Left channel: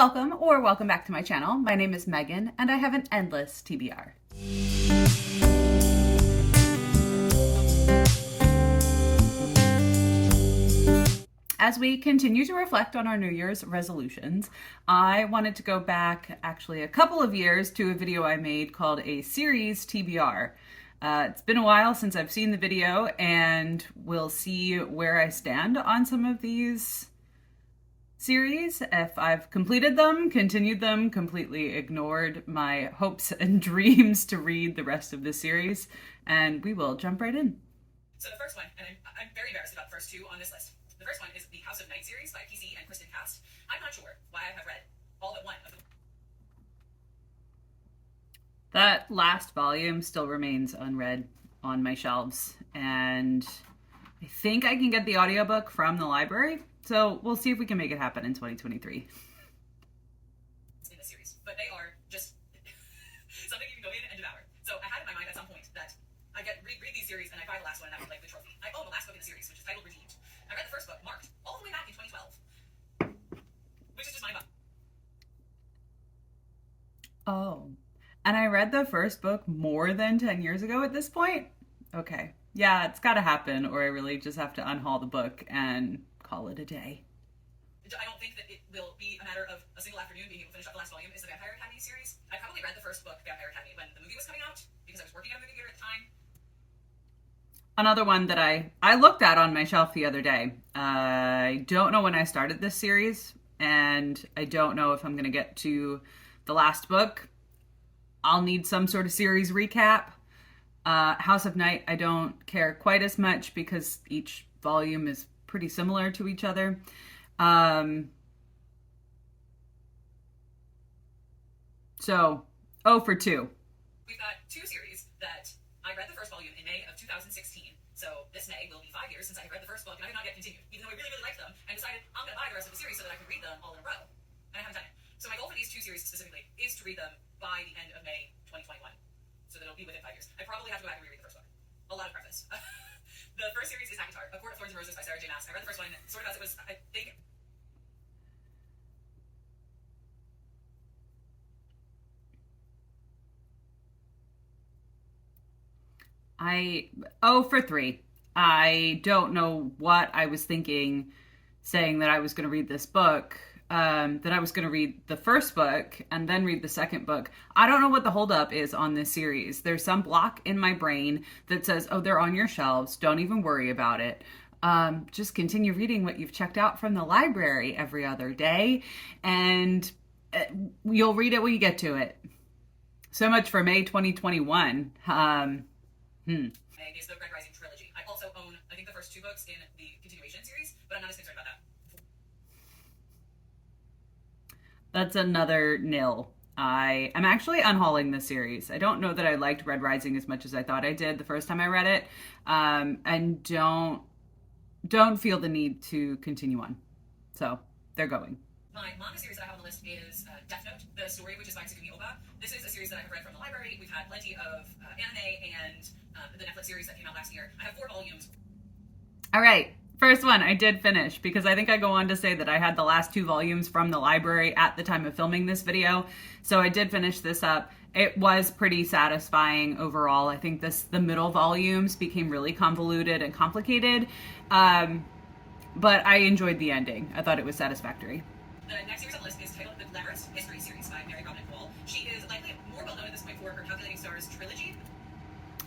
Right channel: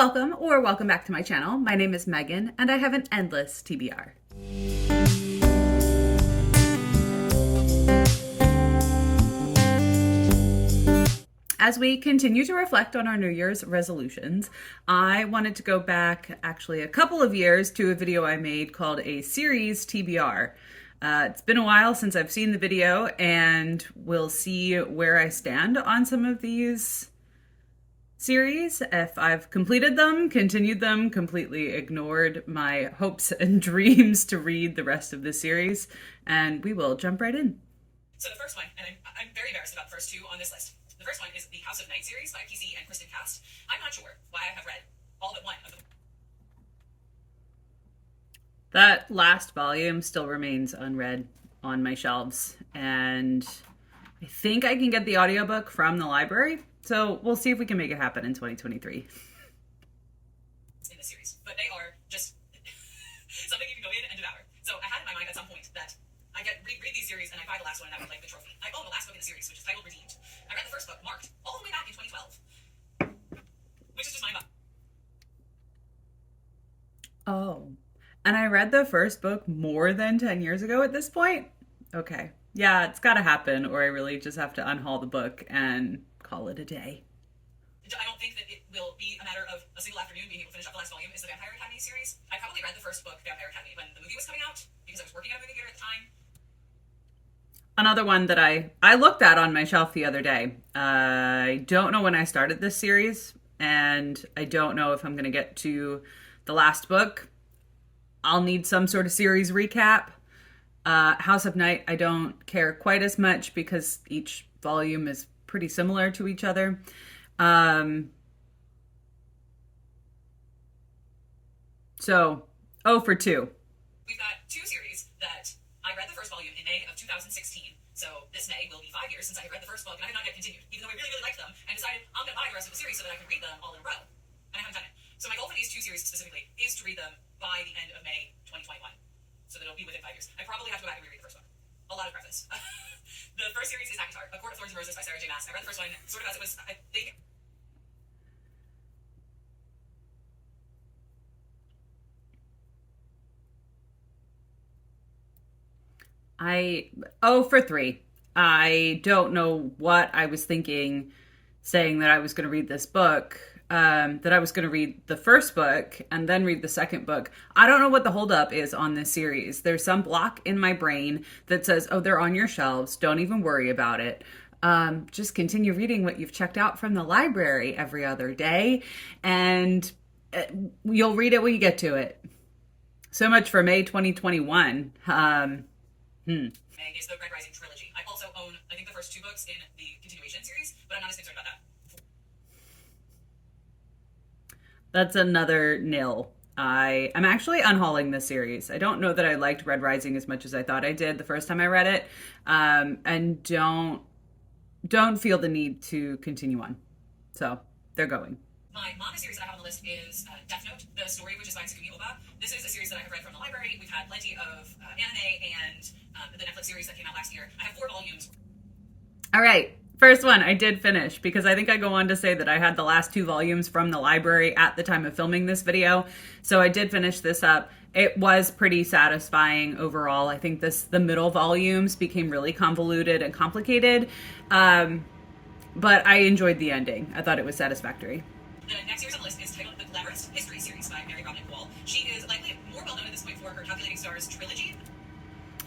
Welcome or welcome back to my channel. My name is Megan and I have an endless TBR. As we continue to reflect on our New Year's resolutions, I wanted to go back actually a couple of years to a video I made called a series TBR. It's been a while since I've seen the video and we'll see where I stand on some of these series, if I've completed them, continued them, completely ignored my hopes and dreams to read the rest of the series, and we will jump right in. So the first one, and I'm very embarrassed about the first two on this list. The first one is the House of Night series by PC and Kristen Cast. I'm not sure why I have read all but one of them. That last volume still remains unread on my shelves, and I think I can get the audiobook from the library. So we'll see if we can make it happen in 2023. In the series, but they are just something you can go in and devour. So I had in my mind at some point that I read these series and I buy the last one and that would like the trophy. I own the last book in the series, which is titled Redeemed. I read the first book, marked, all the way back in 2012, which is just mind boggling. Oh, and I read the first book more than 10 years ago at this point? Okay. Yeah, it's got to happen, or I really just have to unhaul the book and call it a day. I don't think that it will be a matter of a single afternoon being able to finish up the last volume. Is the Vampire Academy series. I probably read the first book, Vampire Academy, when the movie was coming out, because I was working at a movie theater at the time. Another one that I looked at on my shelf the other day. I don't know when I started this series, and I don't know if I'm going to get to the last book. I'll need some sort of series recap. House of Night, I don't care quite as much because each volume is pretty similar to each other. So, 0 for 2. We've got two series that I read the first volume in May of 2016. So this May will be 5 years since I read the first book, and I have not yet continued, even though I really, really liked them, and decided I'm going to buy the rest of the series so that I can read them all in a row. And I haven't done it. So my goal for these two series specifically is to read them by the end of May 2021. So that it'll be within 5 years. I probably have to go back and reread the first book. A lot of preface. The first series is Akatar, A Court of Thorns and Roses by Sarah J. Maas. I read the first one sort of as it was, I think. I 0 for 3. I don't know what I was thinking saying that I was going to read this book, that I was going to read the first book and then read the second book. I don't know what the holdup is on this series. There's some block in my brain that says, oh, they're on your shelves. Don't even worry about it. Just continue reading what you've checked out from the library every other day, and you'll read it when you get to it. So much for May 2021. May is the Red Rising trilogy. I also own, I think, the first two books in the continuation series, but I'm not as concerned about that. That's another nil. I'm actually unhauling this series. I don't know that I liked Red Rising as much as I thought I did the first time I read it, and don't feel the need to continue on. So they're going. My manga series that I have on the list is Death Note, the story which is by Tsugumi Oba. This is a series that I have read from the library. We've had plenty of anime and the Netflix series that came out last year. I have 4 volumes. All right. First one I did finish because I think I go on to say that I had the last 2 volumes from the library at the time of filming this video. So I did finish this up. It was pretty satisfying overall. I think the middle volumes became really convoluted and complicated. But I enjoyed the ending. I thought it was satisfactory. The next series on the list is titled The Glamorous History series by Mary Robin Wall. She is likely more well known at this point for her Calculating Stars trilogy.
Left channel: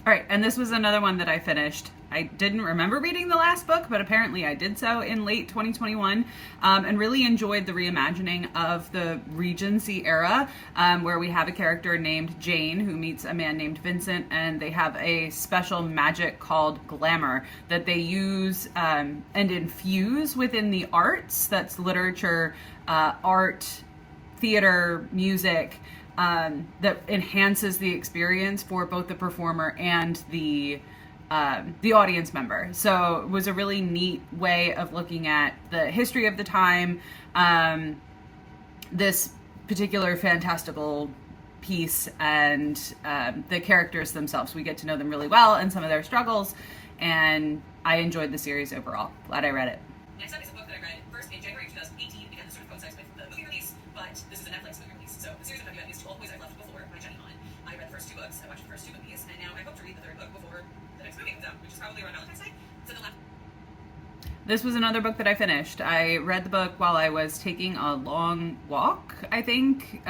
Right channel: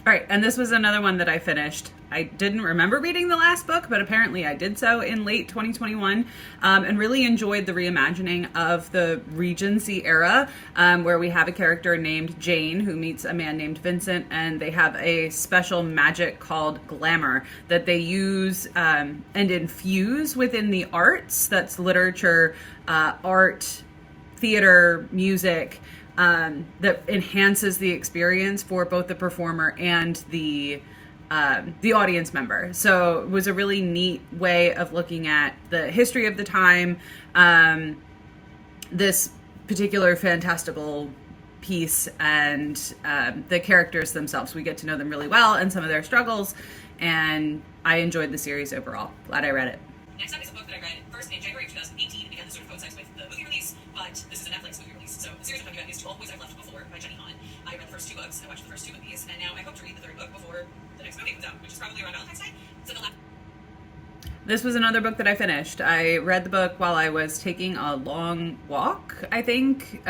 All right, and this was another one that I finished. I didn't remember reading the last book, but apparently I did so in late 2021, and really enjoyed the reimagining of the Regency era, where we have a character named Jane who meets a man named Vincent, and they have a special magic called glamour that they use and infuse within the arts. That's literature, art, theater, music, that enhances the experience for both the performer and the audience member. So it was a really neat way of looking at the history of the time, this particular fantastical piece, and the characters themselves. We get to know them really well and some of their struggles, and I enjoyed the series overall. Glad I read it. Next up is a book that I read first in January 2018 because it sort of coincides with the movie release, but watched the first 2 movies, and now I hope to read the 3rd book before the next movie comes out, which is probably around Valentine's Day. So the last This was another book that I finished. I read the book while I was taking a long walk, I think.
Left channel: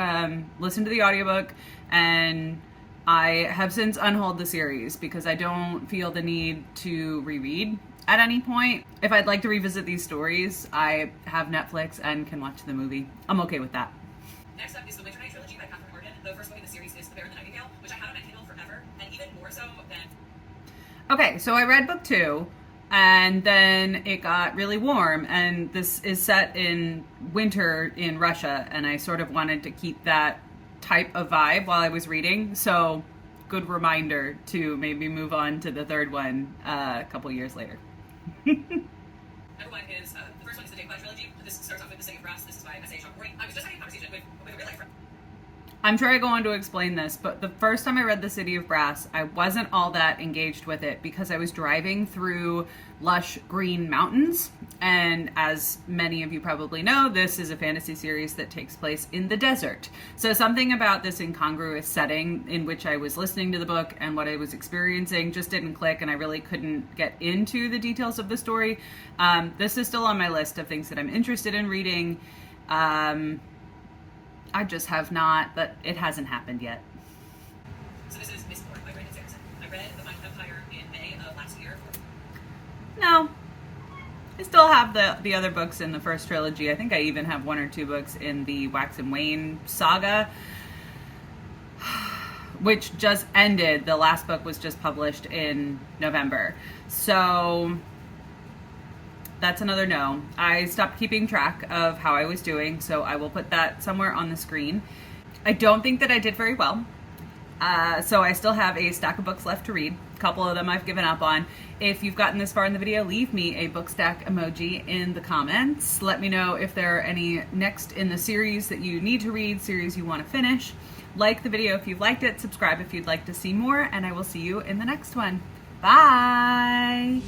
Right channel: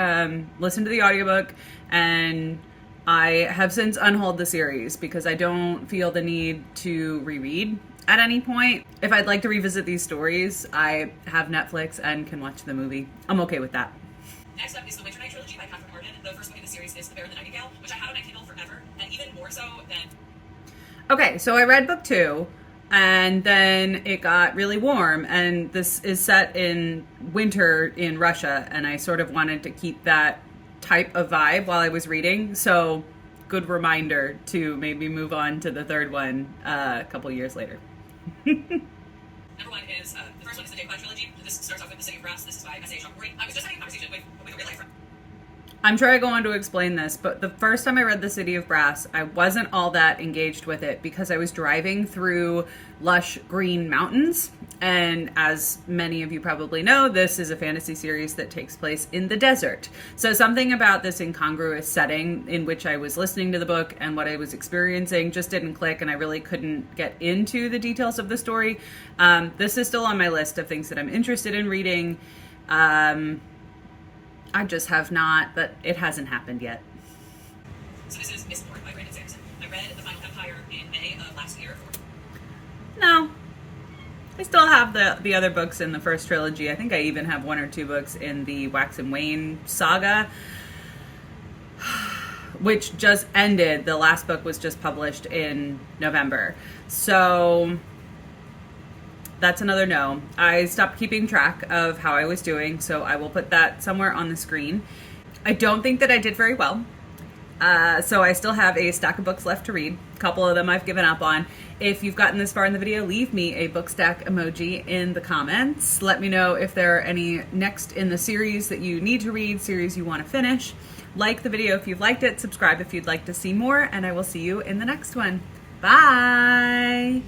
Listened to the audiobook, and I have since unhauled the series because I don't feel the need to reread at any point. If I'd like to revisit these stories, I have Netflix and can watch the movie. I'm okay with that. next up is the Winter Night trilogy by Catherine Morgan. The first book in the series is The Bear and the Nightingale, which I have on my Kindle forever, and even more so than... Okay, so I read book 2, and then it got really warm, and this is set in winter in Russia, and I sort of wanted to keep that type of vibe while I was reading, so good reminder to maybe move on to the 3rd one a couple years later. Number 1 is, the first one is the Day trilogy. This starts off with The City of Brass. This is by S.A. Shockley. I was just having a conversation with a real life friend. I'm sure I go on to explain this, but the first time I read The City of Brass, I wasn't all that engaged with it because I was driving through lush green mountains. And as many of you probably know, this is a fantasy series that takes place in the desert. So something about this incongruous setting in which I was listening to the book and what I was experiencing just didn't click, and I really couldn't get into the details of the story. This is still on my list of things that I'm interested in reading. I just have not, but it hasn't happened yet. So this is Mistborn by Brandon Sanderson. I read The Finding Empire in May of last year. No. I still have the other books in the first trilogy. I think I even have 1 or 2 books in the Wax and Wayne saga, which just ended. The last book was just published in November. So that's another no. I stopped keeping track of how I was doing, so I will put that somewhere on the screen. I don't think that I did very well. So I still have a stack of books left to read. A couple of them I've given up on. If you've gotten this far in the video, leave me a book stack emoji in the comments. Let me know if there are any next in the series that you need to read, series you want to finish. Like the video if you've liked it, subscribe if you'd like to see more, and I will see you in the next one. Bye!